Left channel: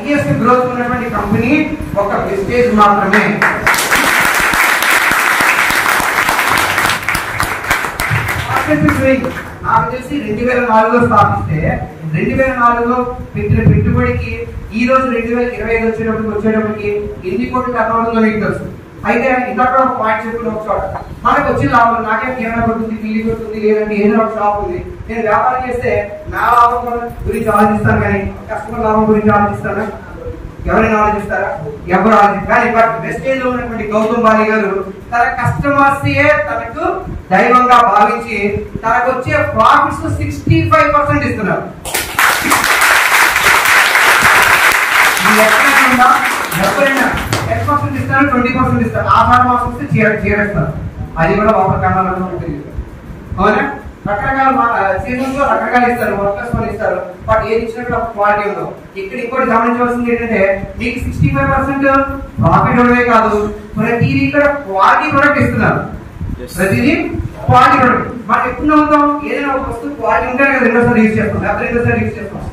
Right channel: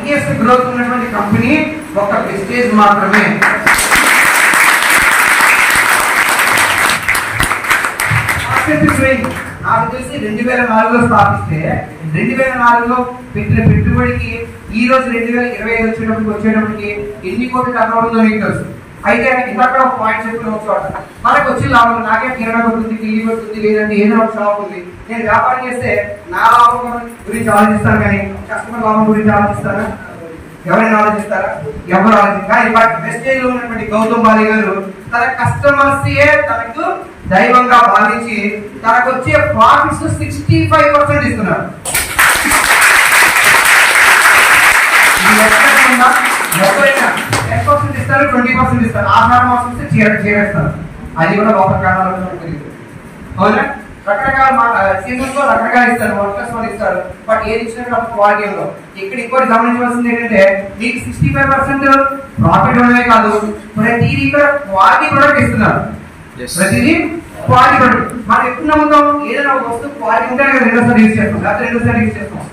Highest growth ఉన్నటువంటి company ఒక wastage మాత్రమే. నాకు తెలిసి 2004లో స్థాపిస్తే 2004లో పెట్టిన పెట్టుబడికి ఈ రోజు 2025 వచ్చేటప్పటికి ఎన్ని కోట్లు టర్నోవర్ ఉందో మీకు తెలుసు. అయితే ఇందాక పాయింట్ చెప్పుకుని వచ్చాడు, మనకు వచ్చే లాభం నాకే కిరాణా కొడుతుంది, కిల్లి కొడుతుంది, లేదంటే ఏదో ఒక షాప్ ఉంది, నేను వ్యాపారం చేస్తే నా లాభం గురించి ఆలోచిస్తాను కానీ కస్టమర్ లాభం గురించి ఆలోచిస్తానా? ఎవరైనా ఆలోచిస్తారా? ఎవరు ఆలోచిస్తారు. బట్ వెస్టేజ్ లో ఉన్నటువంటి గౌతమ్ బాలి గారు తన కస్టమర్స్ తనకు దైవంగా భావించి తనకు వచ్చే ప్రాఫిట్స్ 65% ఇస్తున్నారు. ఎవరైనా 10% ఇస్తారు, 20% ఇస్తారు. ఆహార మాసం వస్తే చేరేస్తారు. అది కూడా వాటర్ కారణాలు ఉంటుంది. అవునా? రకరకాల సీజన్ లో రకరకాల ఇస్తారు, వర్కర్స్ వాళ్ళు ఇస్తారు. బట్ ఏది ఇచ్చినప్పుడు క్వాలిటీ ఉండదు. ఇక్కడ ఇంకోటి గమనించవలసింది ఏంటంటే మీకు 65% ప్రాఫిట్ ఉండవే కాదు, ప్రతిదీ ఇక్కడ క్వాలిటీ ప్రొడక్ట్ ఇస్తున్నారు. ప్రతిదీ క్వాలిటీ ప్రొడక్ట్. మనం ఎప్పుడు నమ్ముతాం? ఏదైనా ఒక వస్తువు క్వాలిటీ ఉంటే రెండోసారి యూజ్ చేస్తాం, లేకపోతే రెండోసారి యూజ్ చేస్తాం.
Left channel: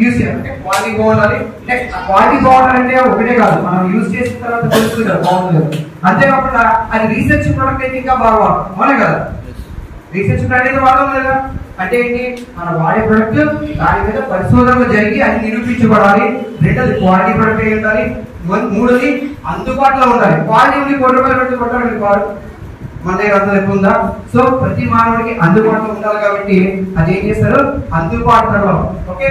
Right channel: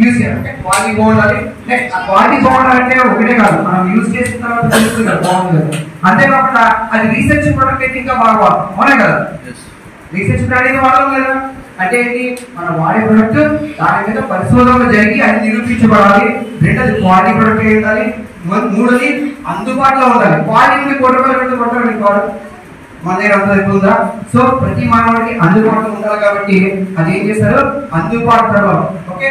యూజ్ చేయాలంటే క్వాలిటీ బాగుండాలి. నెక్స్ట్ ఆ క్వాలిటీ బాగుండాలంటే ఒకటే కాదు, మనం యూజ్ చేసిన తర్వాత తెలుస్తుంది కదా బాగుంటుంది. అంతేకాకుండా అది రీసెర్చ్ ప్రొడక్ట్ అయితే ఇంకా బాగా అవునా కదా? రీసెర్చ్ అనేది వాడడం లేదా అంటే ఏంటి? మనం వాడే ప్రొడక్ట్ దాని మీద పరిశోధనలు జరిగి అది నిరూపించబడాలి. రెండోది క్వాలిటీ ప్రొడక్ట్ ఉండాలి. మూడోది అందుబాటులో ఉండాలి. క్వాలిటీ ఉండి ₹1 కొట్టాలి వాడు మన దగ్గర అంత ఎక్కువ ఉందా? సో ప్రతి మానవుడికి అందుబాటులో ఉండాలి కాబట్టి అది ఏం చేస్తారు? అందుబాటులో ఓకే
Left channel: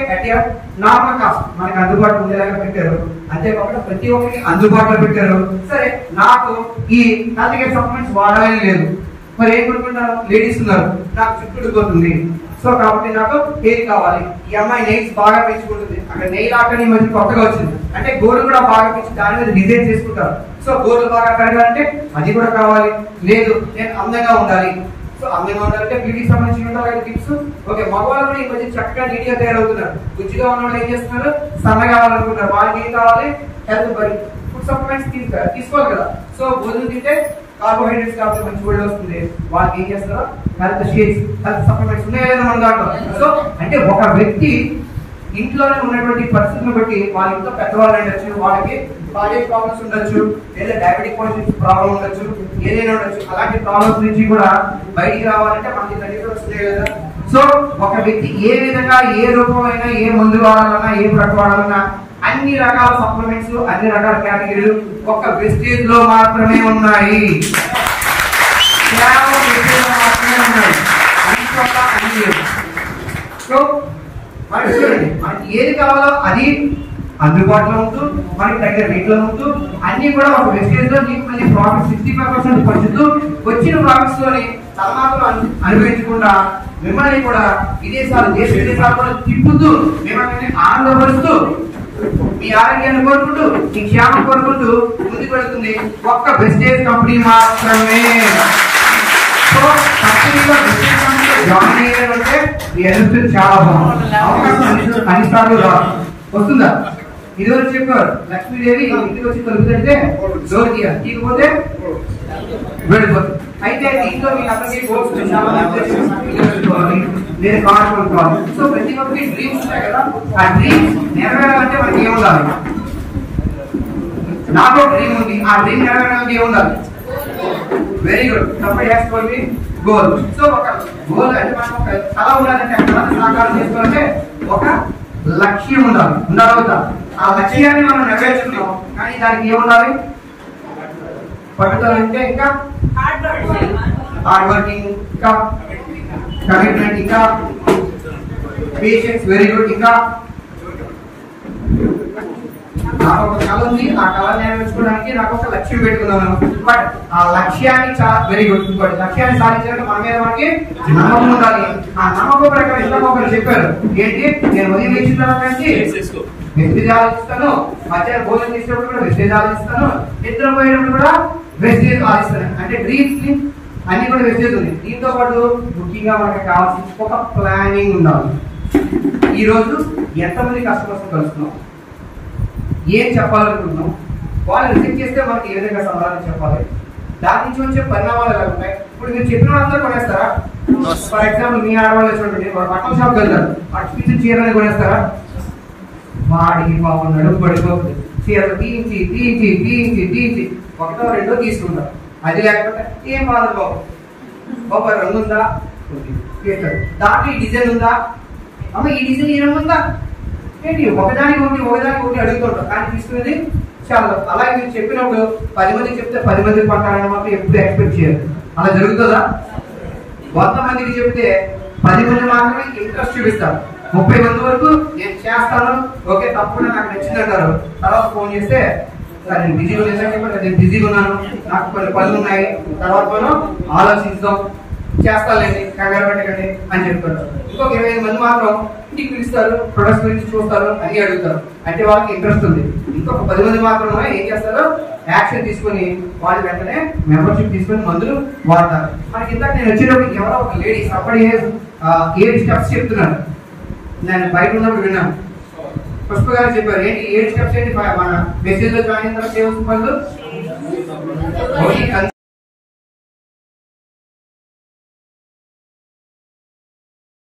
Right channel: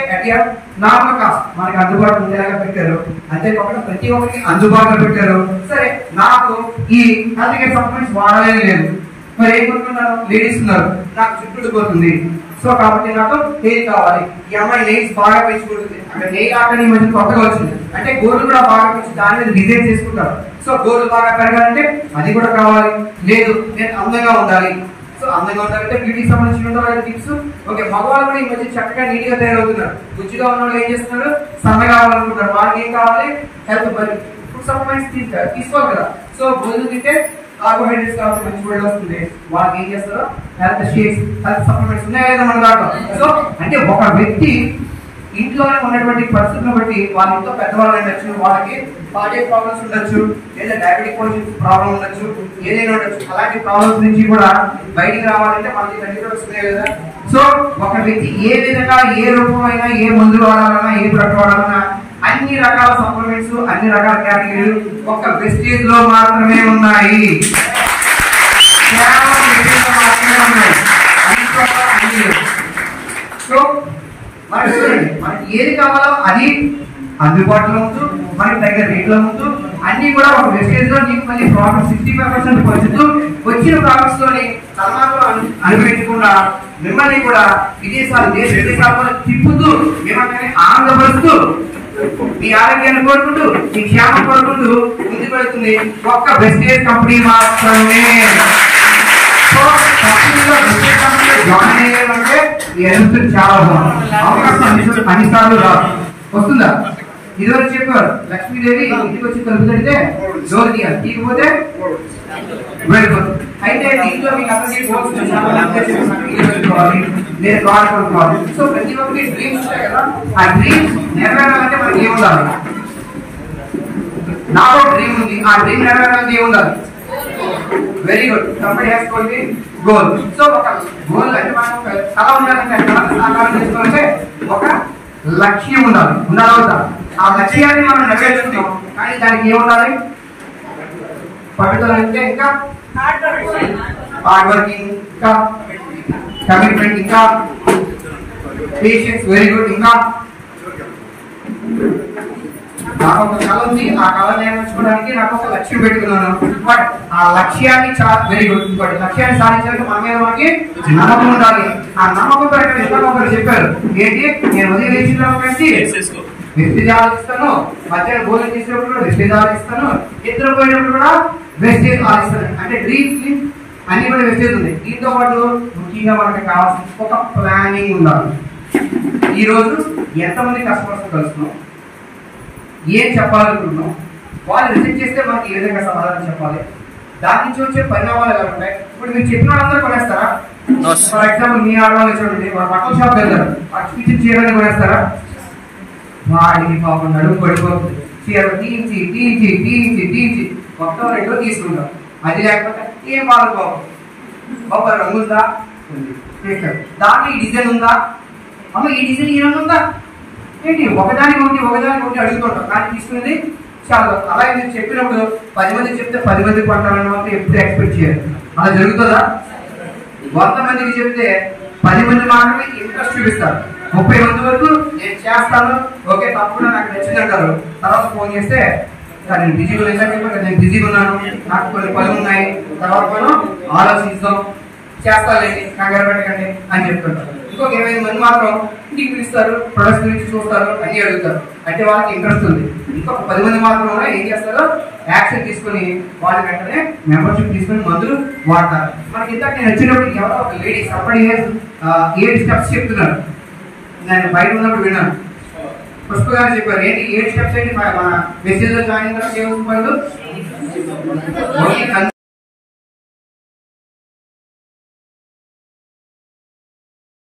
నార్మల్ కాస్ట్ మనకి అందుబాటులో ఉండేలాగా పెట్టారు. అంతేకాకుండా ప్రతి ఒక్కరికి అందుబాటులో పెట్టారు. సరే, నాకు ఈ హెల్త్ కేర్ సప్లిమెంట్స్ వాడాలని లేదు, మరి ఏం కొనుక్కుంటాను? లేడీస్ ఉన్నారు, నాకు చుట్టూ పోతుంది. సో కాబట్టి నాకు హెయిర్ కావాలి. ఈ అమ్మాయి నెయిల్స్ బాగా పెంచుకుంటుంది, అక్కడ నెయిల్ ఆర్ట్ అని మధ్య కొత్తగా వచ్చింది అంటే గోల్డ్ కూడా బాగా పెంచి దాని మీద డిజైన్ చేసుకుంటారు. సో గోల్డ్ బాగా పెరగాలంటే అది కూడా కావాలి. లేదు నేను అందంగా ఉండాలి, సో అందంగా ఉండాలంటే బ్యూటీకి సంబంధించి ఉండాలి టిప్స్. ఓకే, మగవాళ్ళు కూడా ఈ మధ్య చక్కగా నీట్ గా తయారవుతున్నారు. గుజ్జుగా ఉన్న వాళ్ళు ఏం చేస్తున్నారు? సన్నగా కావాలనుకుంటున్నారు. వాళ్ళకి ఏం కావాలి? హెల్త్ ఫుడ్ సప్లిమెంట్స్ తీసుకోవాలి కదా. సో భోజనం తింటే కార్బోహైడ్రేట్స్ కాబట్టి మంచి ఫుడ్ వస్తుంది. వాళ్ళకి ఏం చేస్తారో హెల్త్ షేక్స్, హెల్త్ సప్లిమెంట్స్ ఉన్నాయి కదా మన దాంట్లో. సో అంటే ఒక వ్యక్తి ఇంట్లోనే ఉన్నటువంటి పరిస్థితులను బట్టి వాళ్ళ ఇంట్లో పెద్దవాళ్ళు ఉండొచ్చు, వాళ్ళకి కార్డియాక్ ప్రాబ్లమ్స్ ఉండొచ్చు, లేదా డయాబెటిక్ ప్రాబ్లం ఉండొచ్చు, ఏదైనా ఉండొచ్చు. అలాంటి ప్రాబ్లమ్స్ నుంచి కూడా బయటికి రావాలంటే మనకి తల్లి కూడా వస్తున్నాయి కదా. సో ఒక వ్యక్తి ఏ విధంగా ఏ రూపమైనా ఏ మందు వాడాలన్నా ఏ ప్రొడక్ట్ వాడాలన్నా అన్ని రకాల సప్లిమెంట్స్ అన్ని రకాల కేటగిరీలు ఒక వెస్టేజ్ లో మాత్రమే ఉన్నాయి. సో మనకి చూడండి, మనకి ఏది కావాలో అది అందుబాటులో ఉంటూ మనకి దగ్గర రేట్లో ఉంటూ అన్ని కూడా ఒక వెస్టేజ్ లో మీకు మళ్ళీ ప్రాఫిట్ 65% పంచుతూ వచ్చిన ప్రాఫిట్స్ లోని తలమాత్రం అనుభవించకుండా మిమ్మల్ని కూడా విదేశాలు దేశ విదేశాలు తిప్పుతూ మిమ్మల్ని ఆనందపరుస్తూ మీ ఆరోగ్యాన్ని కోరుకుంటూ మీ క్షేమం కోరుకుంటూ ముందుకు వెళ్తుంది ఒక్క వెస్టేజ్ కంపెనీ మాత్రమే. సో కంపెనీలో వెస్టేజ్ కంపెనీలో జాయిన్ అయ్యారంటే ఎదుగుతుంది చాలా బాగుంది. అవకాశం అన్నిసార్లు రాదు, వస్తుందా? ఇదివరకు చెప్పారు లక్ష్మీదేవి ఇంటికి వచ్చి తలుపు తడితే డోర్ తీయాలి, తీయకపోతే వెళ్ళిపోతుంది. అయితే ఇంట్లో మీకు అందరికీ లేదా కార్ కొనుక్కోవాలి. సో ప్రతి ఒక్కరికి డ్రీమ్స్ ఉంటాయి కదా. ఆ డ్రీమ్స్ నెరవేరాలంటే మనకి ఏం ఉండాలి? నాకు డ్రీమ్ ఉంది, ఆ డ్రీమ్ నెరవేరాలంటే ఏం ఉండాలి? Very good, company has goal goal. So ఒక గోల్ అంటే మనం ఒక కళ ఉండాలంటే కళను సాకారం చేసుకోవాలంటే ఒక లక్ష్యం ఉండాలి. ఉండాలి. ఆ లక్ష్యాన్ని మనం నెరవేర్చుకున్నాం కానీ దానికి ఏముండాలి? పట్టుదల అంటే ఇంకా హార్డ్ వర్కింగ్, ఇంకా కమిట్మెంట్, ఇంకా పేషెన్స్. Very good. ఇంకా నాకు ఒక కళ ఉంది, ఆ కళ నెరవేర్చుకోవడానికి నాకు ఒక లక్ష్యం పెట్టుకున్నాను. బట్ ఆ లక్ష్యాన్ని వెరీ గుడ్. ఇంకోటి లక్ష్యాన్ని సాధించడానికి మన మీద మనకి నమ్మకం ఉండాలి. ఆ నమ్మకం ప్రకారం ఇంకా ఒకరు చెప్పారు ఏంటి? నేను ఉదయం లేచిన తర్వాత వెస్టేజ్ ఆలోచిస్తాను, మధ్యాహ్నం భోజనం చేసేటప్పుడు కూడా వెస్టేజ్ ఆలోచిస్తాను, నిద్రపోయేటప్పుడు కూడా వెస్టేజ్ ఆలోచిస్తాను. అంటే డ్రీమ్స్ ని అన్ని కూడా వెస్టేజ్ ఉంది. దీంతో పాటు ముఖ్యంగా మనకు కావాల్సిన ఒక ప్లానింగ్ ఉండాలి. ఈ రోజు ఎంతమంది కస్టమర్స్ కలుస్తున్నాం, ఏం చెప్పాలనుకుంటున్నాం, వాళ్ళు రిజెక్ట్ చేస్తే మనకి ఏ విధంగా సమాధానం చెప్పాలి, దాని నుంచి వచ్చే పరిణామాలు ఎలా ఉంటాయి. ఇప్పుడు మీరు చెప్పిన వాళ్ళందరూ కొనేస్తారా? ఫర్ ఎగ్జాంపుల్ మీ ఆడవాళ్ళు చూడండి, బట్టల షాప్ వెళ్తారు, అక్షించి చీరని కొనేస్తారా? వాడికి పాపం నడుము పడిపోతుంది. చీర తీయించి తీయించి తీయించి తీయించి ఒకటో రెండో తీసుకుంటాం. అది లేకపోతే ఏం బాధ పాపం. బాబా రంగు ఉందా, దాంట్లో ఈ డిజైన్ ఉందా, అమ్మ ఈ డిజైన్ ఈ రంగు ఉందా ఏంటి, ఒకదానికి ఒకటి అడుగుతుంటాం. కానీ తీసుకునేది చాలా. అలాగే నేను చెప్పినప్పుడు 10 మంది చెప్తే 10 మంది పంటాలని మాత్రం ఎప్పుడు ఎక్స్పెక్ట్ చేయాలి. అలా జరుగుతుందా? 100 మందికి చెప్తే 10 మంది మాత్రమే ఇంట్రెస్ట్ చూపిస్తారు. 30 మంది వరకు నేను చేస్తాను, ఓకే తప్పకుండా నాకు నచ్చింది అంటారు. తర్వాత ఫోన్ చేస్తే సార్ నేను బిజీగా ఉన్నాను, నేను బిజీగా ఉన్నాను, నాకు కొన్ని పనులు ఉన్నాయి, తర్వాత మనం ఆలోచిస్తాం, చేస్తానండి, కంగారు పెట్టకండి అని చెప్తుంటారు. ఇంకొక 25 మంది మాత్రం ఇంటికి పిలుస్తారు, ప్రొడక్ట్స్ గురించి చూస్తారు, అన్ని అడుగుతారు. అంటే వాళ్ళకి ఇంట్రెస్ట్ ఉంది. ఇంకొక 10 మంది మాత్రం ఏం చేస్తారో యాక్షన్ తీసుకుని వాళ్ళు వెంటనే మెంబర్షిప్ తీసుకుని మందులు వాడతారు. మనకి ఇందాక నేను వచ్చినప్పుడు ఎవరో ఒక లేడీ సపడి 8 స్టెప్స్ చెప్తున్నారు. నేను బయట ఉన్నప్పుడు విన్నాను. పుష్ప గారు చెప్పారు, ఏంటి 8 స్టెప్స్ ఏంటి, మెసేజ్ లో జాయిన్ అయిన తర్వాత ఏమవుతుంది?